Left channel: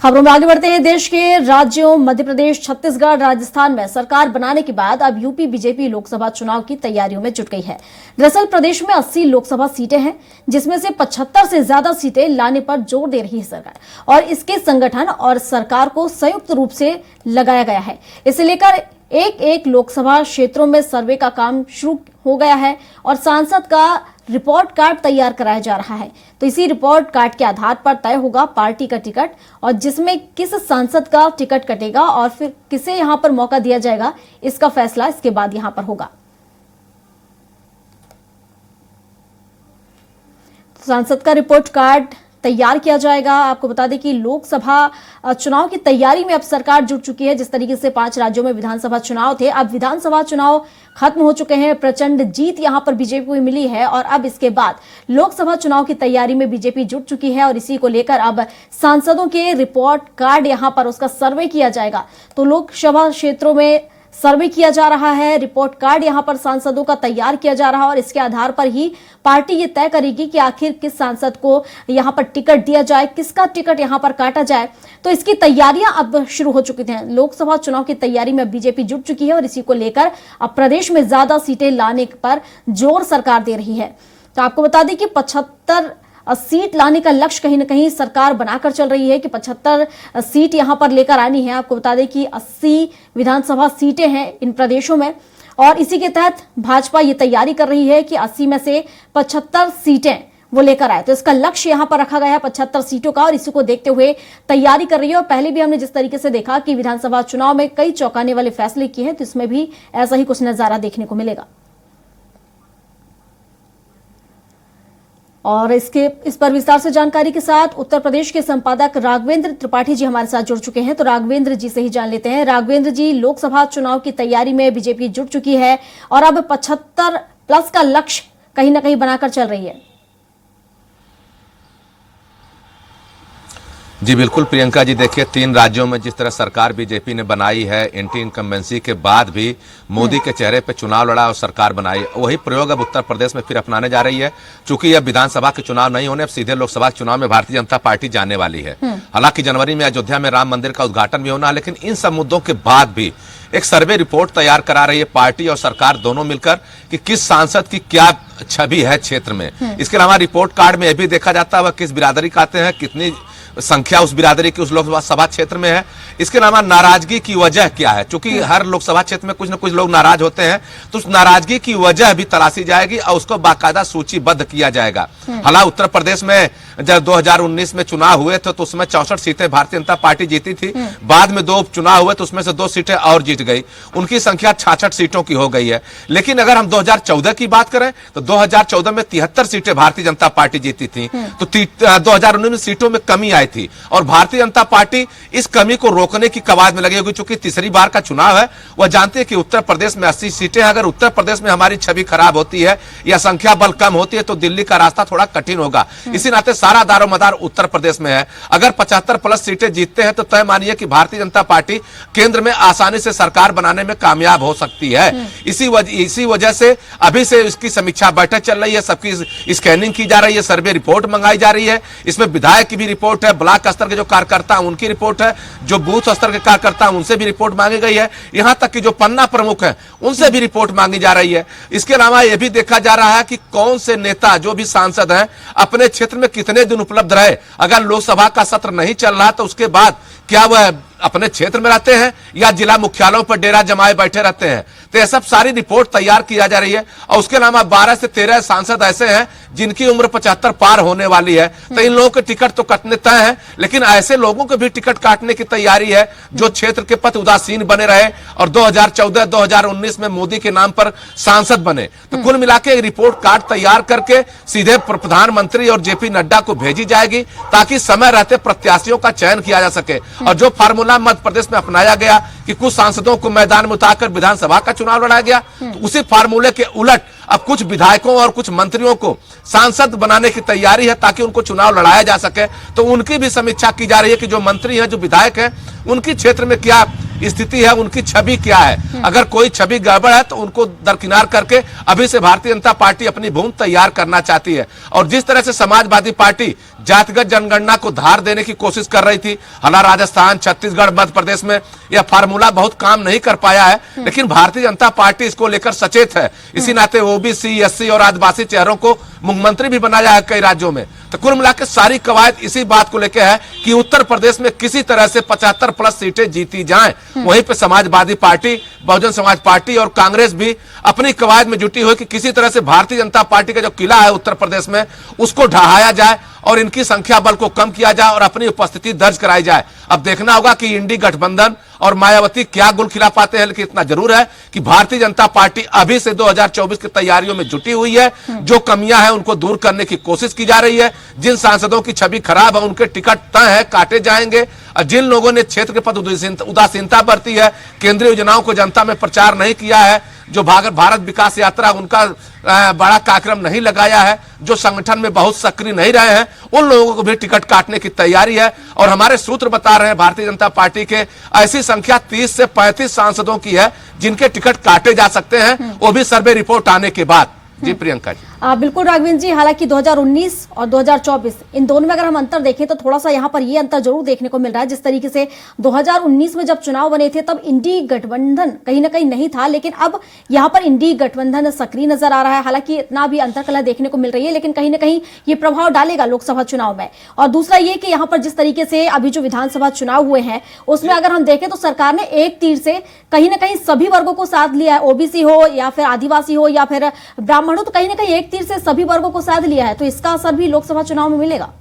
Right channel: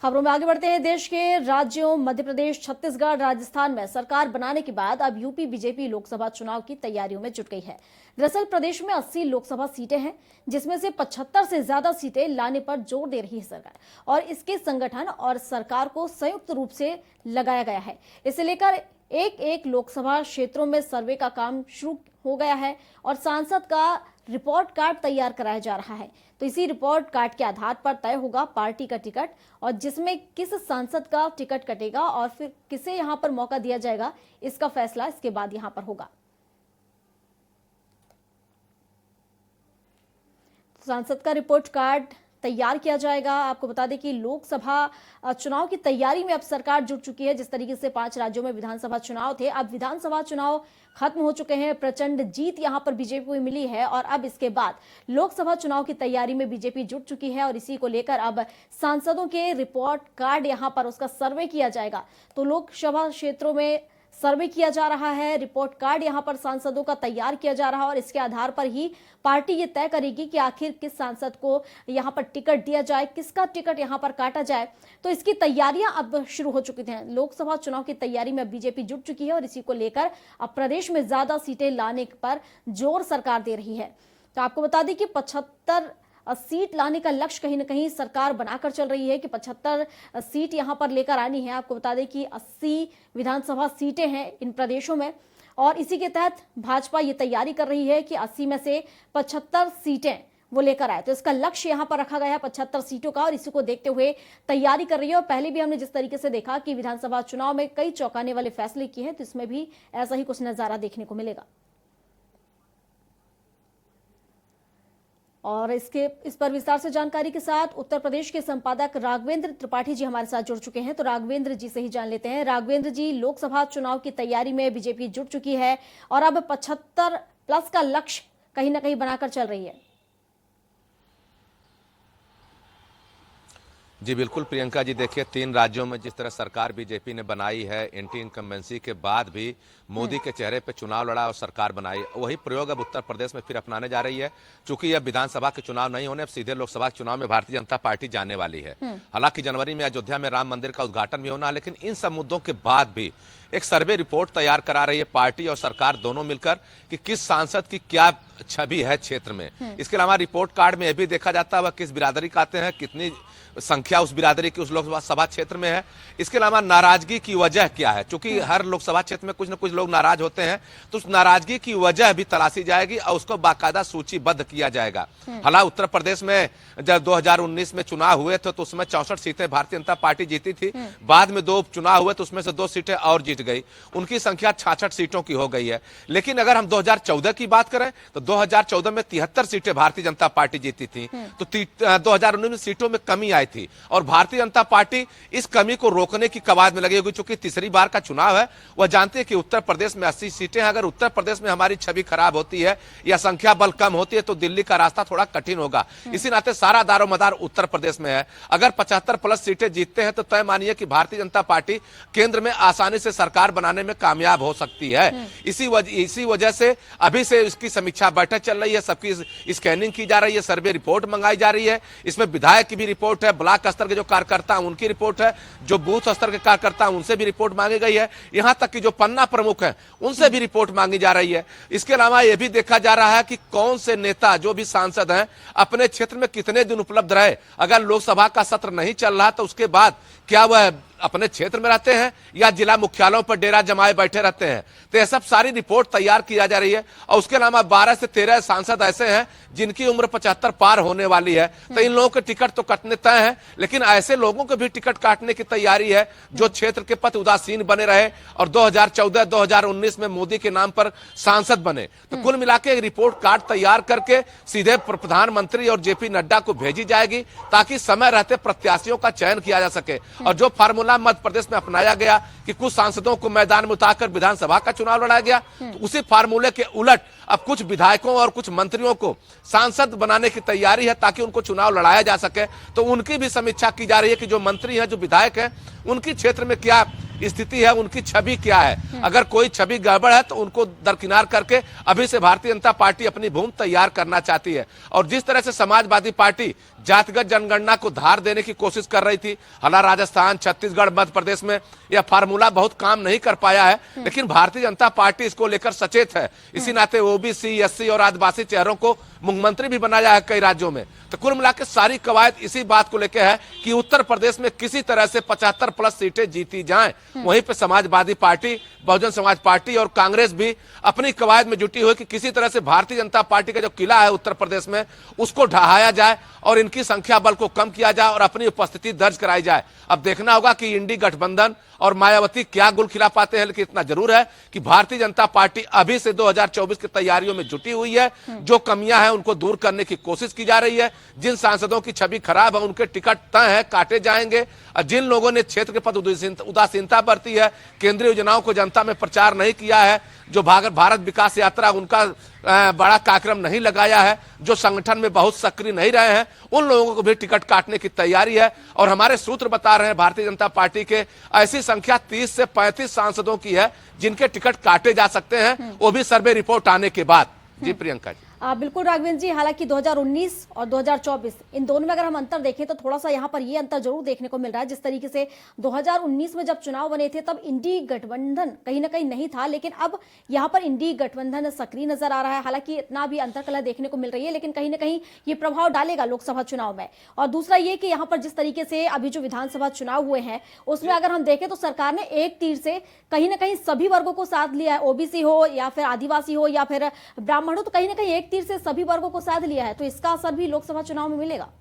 खबरों में आगे बढ़ते हैं। देश के राज्यों मध्य प्रदेश, छत्तीसगढ़, राजस्थान में सरकार बनाने के बाद अब यूपी बीजेपी लोकसभा चुनाव की तैयारियों में जुट गई है। दरअसल प्रदेश में 80 लोकसभा सीटें हैं, जिसमें से 75 से ज्यादा सीटें लाने पर जोर दे रही है सरकार, और इसके संगठन और सरकार को संयुक्त रूप से लगाया गया है। इसे लेकर एक एक लोकसभा क्षेत्रों में सर्वे का काम शुरू हो गया है और सांसद का रिपोर्ट कार्ड तैयार कराया जा रहा है। तो इसी रिपोर्ट कार्ड के आधार पर तय होगा पार्टी का टिकट, और जिसमें किस सांसद का टिकट कटेगा और फिर किसे यहां पर मौका दिया जाएगा, इसका फैसला इसके बाद यहां पर होगा। सांसद का रिपोर्ट कार्ड तैयार किया जाएगा। आपको बता दें कि लोकसभा चुनाव की तैयारी में अब सरकार जुट चुकी है। जिस तरीके से 5 राज्यों में विधानसभा चुनाव थे, अब विधानसभा चुनाव खत्म हो चुके हैं। प्रचंड जीत यहां पर बीजेपी को मिली है और अब इसके बाद लोकसभा चुनाव की तैयारी में बीजेपी जुट चुकी है, और इसी को लेकर अब सांसदों के रिपोर्ट कार्ड यहां पर उसका सर्वे किया जाएगा। तो लोकसभा क्षेत्रों में सर्वे किया जा रहा है, रिपोर्ट कार्ड यहां पर सांसदों का तैयार किया जा रहा है, और इसके आधार पर ही पार्टी ये तय करेगी कि आखिर किस सांसद को यहां पर टिकट दिया जाए, किसका टिकट यहां पर काटा जाए। तो इसकी तैयारियां अब शुरू हो चुकी हैं। लोकसभा चुनाव की तैयारी में बीजेपी जुट चुकी है और इसी को लेकर अब प्रदेश में ज्यादा सीटें लाने पर जोर सरकार दे रही है। तो आपको बता दें कि 75 सीट लाने का लक्ष्य कहीं ना कहीं सरकार बनाकर चल रही है कि 75 सीट यहां पर लेकर आनी है। आपको बता दें कि 80 विधानसभा सीटें हैं इन प्रदेशों में, और इसी के तहत भाजपा ये तैयारी कर रही है कि 80 में से 75 सीटें वो लेकर आए। तो इसका लक्ष्य यहां पर रखा गया है 75 सीटों का, और इसी को देखते हुए तैयारी कर रही है। और पहले भी हमने जिस तरीके से देखा कि विधानसभा चुनाव में कई चौंकाने वाले फैसले किए हैं, तो इसमें भी ऐसा ही कुछ नजारा देखने को मिलेगा। और इस पर विस्तार से जानकारी के साथ उत्तर प्रदेश के संपादक राघवेंद्र त्रिपाठी जी हमारे साथ जुड़ चुके हैं। तो राघवेंद्र जी से ही जान लेते हैं। राघवेंद्र जी, लोकसभा चुनाव की तैयारी में बीजेपी जुट चुकी है और अब 75 प्लस का लक्ष्य कहीं ना कहीं बनाकर चल रही है। जी बिल्कुल प्रियंका जी, देखिए 3 राज्यों में जिस तरह सरकार बीजेपी ने बनाई है, एंटी इनकम्बेंसी के बाद भी मोदी के चेहरे पे चुनाव लड़ा और सरकार बनाई, वही प्रयोग अब उत्तर प्रदेश में फिर अपनाने जा रही है। चूंकि अब विधानसभा के चुनाव नहीं होने, अब सीधे लोकसभा के चुनाव में भारतीय जनता पार्टी जाने वाली है। हालांकि जनवरी में अयोध्या में राम मंदिर का उद्घाटन भी होना है, लेकिन इन सब मुद्दों के बाद भी एक सर्वे रिपोर्ट तैयार करा रही है पार्टी और सरकार दोनों मिलकर कि किस सांसद की क्या छवि है क्षेत्र में। इसके अलावा रिपोर्ट कार्ड में यह भी देखा जाता है वह किस बिरादरी का आते हैं, कितनी संख्या उस बिरादरी की उस लोकसभा क्षेत्र में है। इसके अलावा नाराजगी की वजह क्या है, क्योंकि हर लोकसभा क्षेत्र में कुछ न कुछ लोग नाराज होते हैं, तो उस नाराजगी की वजह भी तलाशी जाएगी और उसको बाकायदा सूचीबद्ध किया जाएगा। हालांकि उत्तर प्रदेश में जब 2019 में चुनाव हुए थे तो उसमें 64 सीटें भारतीय जनता पार्टी जीती थी। बाद में 2 उपचुनाव हुए तो उसमें से 2 सीटें और जीत गई, उनकी संख्या 66 सीटों की हो गई है। लेकिन अगर हम 2014 की बात करें तो 2014 में 73 सीटें भारतीय जनता पार्टी जीती थी, तो 2019 में सीटों में कमी आई थी, और भारतीय जनता पार्टी इस कमी को रोकने की कवायद में लगी हुई। चूंकि तीसरी बार का चुनाव है, वह जानते हैं कि उत्तर प्रदेश में 80 सीटें हैं। अगर उत्तर प्रदेश में हमारी छवि खराब होती है या संख्या बल कम होती है तो दिल्ली का रास्ता थोड़ा कठिन होगा। इसी नाते सारा दारोमदार उत्तर प्रदेश में है। अगर 75 प्लस सीटें जीतते हैं तो तय मानिए कि भारतीय जनता पार्टी केंद्र में आसानी से सरकार बनाने में कामयाब हो सकती है। इसी वजह से अभी से इसकी समीक्षा बैठक चल रही है, सबकी स्कैनिंग की जा रही है, सर्वे रिपोर्ट मंगाई जा रही है। इसमें विधायक की भी रिपोर्ट है, ब्लॉक स्तर के जो कार्यकर्ता उनकी रिपोर्ट है, जो बूथ स्तर के कार्यकर्ता उनसे भी रिपोर्ट मांगी गई है, यहां तक कि जो पन्ना प्रमुख है उनसे भी रिपोर्ट मांगी जा रही है। इसके अलावा यह भी देखा जा रहा है कि कौन से नेता जो भी सांसद हैं अपने क्षेत्र में कितने दिन उपलब्ध रहे। अगर लोकसभा का सत्र नहीं चल रहा तो उसके बाद क्या वह अपने क्षेत्र में रहते हैं या जिला मुख्यालयों पर डेरा जमाए बैठे रहते हैं। तो यह सब सारी रिपोर्ट तैयार की जा रही है। और उसके अलावा 12 से 13 सांसद ऐसे हैं जिनकी उम्र 75 पार होने वाली है, तो इन लोगों के टिकट तो कटने तय है, लेकिन ऐसे लोगों को भी टिकट काटने की तैयारी है जो क्षेत्र के प्रति उदासीन बने रहे और 2014-2019 में मोदी के नाम पर सांसद बने। तो कुल मिलाकर रिपोर्ट कार्ड तैयार करके सीधे प्रधानमंत्री और जेपी नड्डा को भेजी जाएगी ताकि समय रहते प्रत्याशियों का चयन किया जा सके। और जो फार्मूला मध्य प्रदेश में अपनाया गया कि कुछ सांसदों को मैदान में उतारकर विधानसभा का चुनाव लड़ाया गया, तो उसी फार्मूले के उलट अब कुछ विधायकों और कुछ मंत्रियों को सांसद बनाने की तैयारी है ताकि उनको चुनाव लड़ाया जा सके। तो उनकी भी समीक्षा की जा रही है कि जो मंत्री हैं, जो विधायक हैं, उनकी क्षेत्र में क्या स्थिति है, उनकी छवि क्या है। अगर कोई छवि गड़बड़ है तो उनको दरकिनार करके अभी से भारतीय जनता पार्टी अपनी भूमि तैयार करना चाहती है। और जिस तरह से समाजवादी पार्टी जातिगत जनगणना को धार देने की कोशिश कर रही थी, हालांकि राजस्थान, छत्तीसगढ़, मध्य प्रदेश में यह फार्मूला बहुत काम नहीं कर पाया है, लेकिन भारतीय जनता पार्टी इसको लेकर सचेत है। इसी नाते ओबीसी, एससी और आदिवासी चेहरों को मुख्यमंत्री भी बनाया है कई राज्यों में। तो कुल मिलाकर सारी कवायद इसी बात को लेकर है कि उत्तर प्रदेश में किसी तरह से 75+ सीटें जीती जाएं। वहीं पे समाजवादी पार्टी, बहुजन समाज पार्टी और कांग्रेस भी अपनी कवायद में जुटी हुई कि किसी तरह से भारतीय जनता पार्टी का जो किला है उत्तर प्रदेश में, उसको ढहाया जाए और इनकी संख्या बल को कम किया जाए और अपनी उपस्थिति दर्ज कराई जाए। अब देखना होगा कि इंडी गठबंधन और मायावती क्या गुल खिला पाते हैं, लेकिन इतना जरूर है कि भारतीय जनता पार्टी अभी से 2024 की तैयारियों में जुटी हुई है। जो कमियां हैं उनको दूर करने की कोशिश की जा रही है। जिन सांसदों की छवि खराब है उनके टिकट तय है, काटे जाएंगे। और जिन लोगों ने क्षेत्र के प्रति उदासीनता बरती है, केंद्रीय योजनाओं को जनता में प्रचार नहीं किया है, जो भारत विकास यात्रा उनका बड़ा कार्यक्रम नहीं लगाया है, जो संगठन में बहुत सक्रिय नहीं रहे हैं, उन लोगों को भी टिकट काटने की तैयारी है। और हमारे सूत्र बता रहे हैं भारतीय जनता पार्टी के ऐसी संख्या 30 से 35 सांसदों की है जिनके टिकट काटे जा सकते हैं, वो भी सर्वे रिपोर्ट आने के बाद। जी प्रियंका जी। बिल्कुल राघवेंद्र जी, हालांकि 2019 और 2024 इन दोनों में अगर हम अंतर देखें तो थोड़ा सा यहाँ पर ये अंतर जरूर देखने को मिल रहा है। जिस तरीके से 2019 में जब चुनाव बने थे तब इंडी गठबंधन कहीं ना कहीं नहीं था, लेकिन अब यहाँ पर इंडी गठबंधन सक्रिय नजर आ रहा है। हालांकि इतना भी अंतरकलह देखने को मिल रही है, लेकिन कहीं ना कहीं ये प्रभाव डालेगा लोकसभा चुनाव में। और दूसरा ये कि यहाँ पर जिस तरीके से अभी जो विधानसभा चुनाव हुए हैं उसमें अगर हम देखें तो सरकार ने एक तीर से कहीं ना कहीं सभी वर्गों को साथ लिया है, ओबीसी हो या फिर आदिवासी हो या फिर ब्राह्मण हो, तो कहीं ना कहीं एक तीर से सभी वर्गों को साध लिया है। तो इसका असर भी लोकसभा चुनाव में मिलेगा।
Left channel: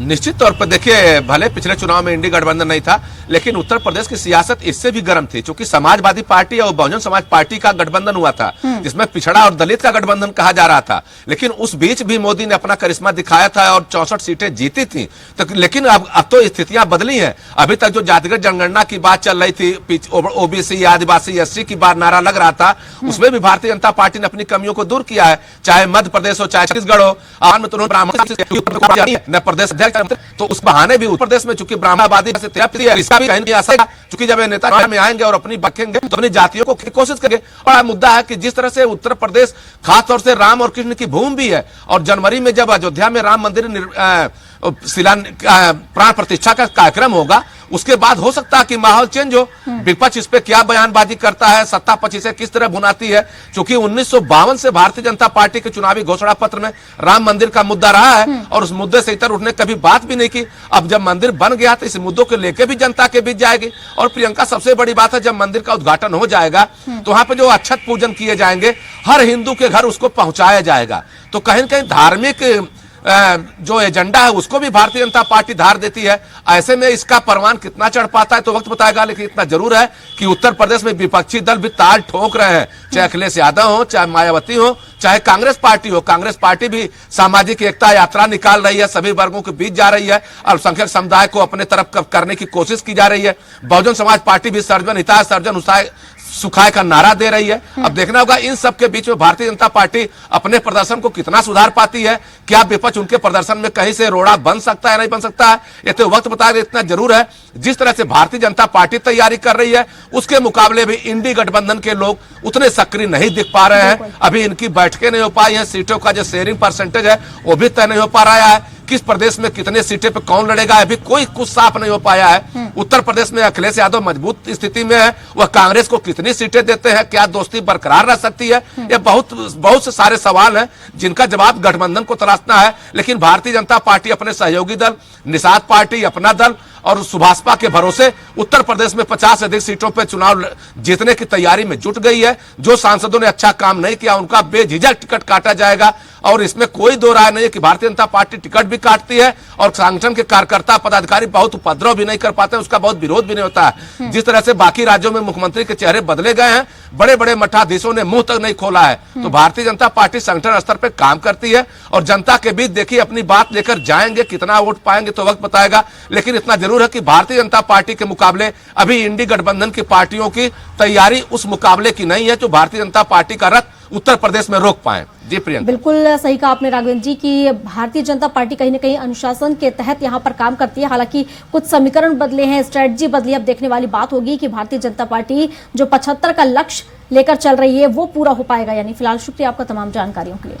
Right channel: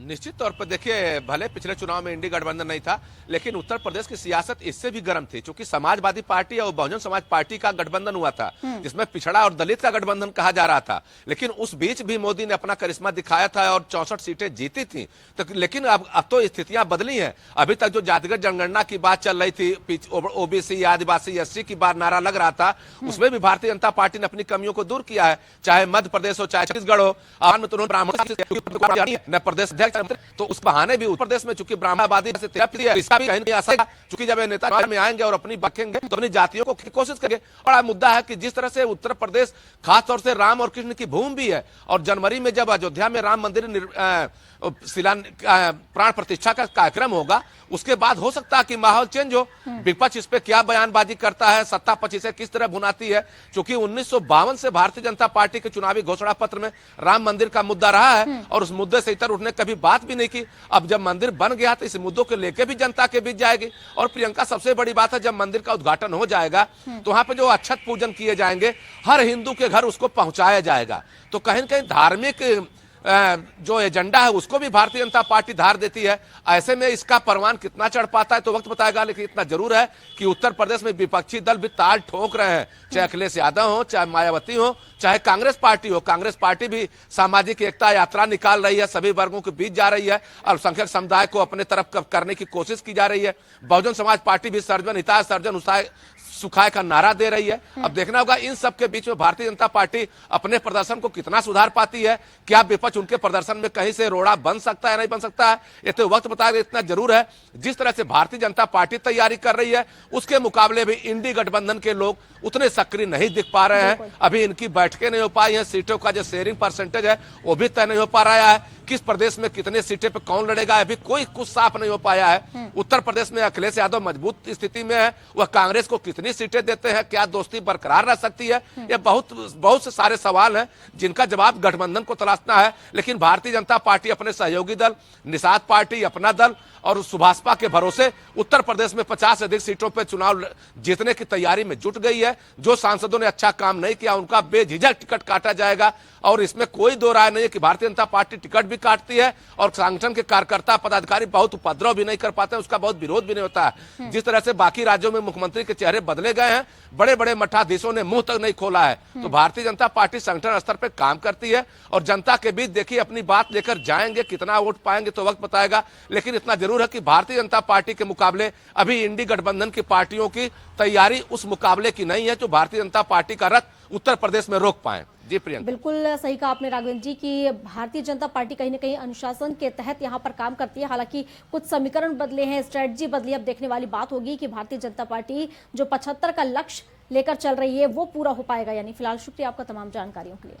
निश्चित तौर पर देखिए, भले पिछले चुनाव में इंडी गठबंधन नहीं था, लेकिन उत्तर प्रदेश की सियासत इससे भी गर्म थी, क्योंकि समाजवादी पार्टी और बहुजन समाज पार्टी का गठबंधन हुआ था, जिसमें पिछड़ा और दलित का गठबंधन कहा जा रहा था। लेकिन उस बीच भी मोदी ने अपना करिश्मा दिखाया था और 64 सीटें जीती थी। तो लेकिन अब तो स्थितियां बदली हैं। अभी तक जो जातिगत जनगणना की बात चल रही थी, ओबीसी, आदिवासी, एससी की बात नारा लग रहा था, उसमें भी भारतीय जनता पार्टी ने अपनी कमियों को दूर किया है। चाहे मध्य प्रदेश हो, चाहे छत्तीसगढ़ हो, ब्राह्मण प्रदेश तो उस बहाने भी उत्तर प्रदेश में चूंकि ब्राह्मणवादी से है, इसका भी कहीं असर, चूंकि जब नेता में आएंगे और अपनी बखेंगे तो अपनी जातियों को कोशिश करेंगे। और मुद्दा है कि जिस तरह से उत्तर प्रदेश खासतौर से राम और कृष्ण की भूमि भी है, और जनवरी में जब अयोध्या में राम मंदिर प्राण प्रतिष्ठा का कार्यक्रम होगा, उसके बाद हो सकता है कि माहौल चेंज हो। विपक्ष इस पे क्या बयानबाजी करता है, सत्ता पक्ष से किस तरह भुनाती है, क्योंकि 1952 से भारतीय जनता पार्टी के चुनावी घोषणा पत्र में राम मंदिर का मुद्दा रहा है और उस मुद्दे से इतर उठने कभी बात भी नहीं की। अब जब मंदिर बन गया तो इस मुद्दों को लेकर भी जनता के बीच जाएगी। और प्रियंका, सबसे बड़ी बात है, जब मंदिर का उद्घाटन हो जाएगा तो वहां पे जो अक्षत पूजन किए जाएंगे, हर हिंदू के घर उसको पहुंचाया जाएगा। तो कहीं न कहीं धार्मिक जो एजेंडा है उसको भी भारतीय जनता पार्टी धार देती है। ऐसे में इसका परवान कितना चढ़ पाता है तो वक्त बताएगा, लेकिन इतना जरूर है कि उत्तर प्रदेश में विपक्षी दल भी ताल ठोक रहे हैं, चाहे अखिलेश यादव हो, चाहे मायावती हो, चाहे कांग्रेस पार्टी हो। कांग्रेस पार्टी भी सामाजिक एकता यात्रा निकाल रही है, सभी वर्गों के बीच जा रही है, अल्पसंख्यक समुदाय को अपने तरफ करने की कोशिश की जा रही है। बहुजन समाज पार्टी भी सर्जन हिताय सर्जन सुखाय का नारा दे रही है। अब देखना होगा इन सब के बीच में भारतीय जनता पार्टी अपने प्रदर्शन को कितना सुधार पाती है। क्या विपक्ष उनके प्रदर्शन में कहीं से रोड़ा बन सकता है, नहीं बन सकता है, ये तो वक्त बताएगा। इतना जरूर है, जिस तरह से भारतीय जनता पार्टी तैयारी कर रही है उसके मुकाबले भी इंडी गठबंधन के लोग उतने सक्रिय नहीं दिख पा रहे हैं। अभी इनकी बैठकें नहीं हो पाई हैं, सीटों का जो शेयरिंग परसेंटेज है वो भी तय नहीं हो पा रहा है। किस प्रदेश में कितने सीटें पे कौन लड़ेगा, अभी कोई कुछ साफ नहीं हो पाया है। उत्तर प्रदेश में अखिलेश यादव मजबूत स्थिति में है, वह कांग्रेस को कितनी सीटें देते हैं, क्या दोस्ती बरकरार रह सकती है, ये बहुत से सारे सवाल हैं जिनका जवाब गठबंधन को तलाशना है। लेकिन भारतीय जनता पार्टी अपने सहयोगी दल, निषाद पार्टी, अपना दल और सुभाषपा के भरोसे उत्तर प्रदेश में 50 से अधिक सीटों पर चुनाव जीतने की तैयारी में जुट गई है। जो सांसदों ने अच्छा काम नहीं किया उनका बेझिझक टिकट काटा जाएगा, और इसमें कोई दो राय नहीं है कि भारतीय जनता पार्टी टिकट भी काटती है और संगठन के कार्यकर्ता पदाधिकारी बहुत उपद्रव भी नहीं कर पाते, उसका बहुत विरोध भी नहीं होता है। जिस तरह से बाकी राज्यों में मुख्यमंत्री के चेहरे बदले गए हैं, बड़े बड़े मठाधीशों ने मुंह तक नहीं खोला है। तो भारतीय जनता पार्टी संगठन स्तर पर काम करती है और जनता के बीच देखिए अपनी बात लेकर जाएंगे, कितना वोट पाएंगे तो वक्त बताएगा। लेकिन इतना जरूर है कि भारतीय जनता पार्टी के मुकाबले अभी इंडी गठबंधन की पार्टियों की तैयारी उस मुकाबले की नहीं है जो भारतीय जनता पार्टी का रथ उत्तर प्रदेश में रोक पाए। जी प्रियंका। बिल्कुल सही कहा आपने राघवेंद्र जी कि भारतीय जनता पार्टी कहीं ना कहीं अनुशासन के तहत यहां पर काम करती है। हालांकि कुछ समीकरण बदले हैं, स्ट्रेटजी बदली, अब देखने वाली बात होगी कि भारतीय जनता पार्टी जो 75 का लक्ष्य लेकर चल रही है वो पूरा हो पाएगा या नहीं। फिलहाल शुक्रिया आपका तमाम जानकारियों के लिए।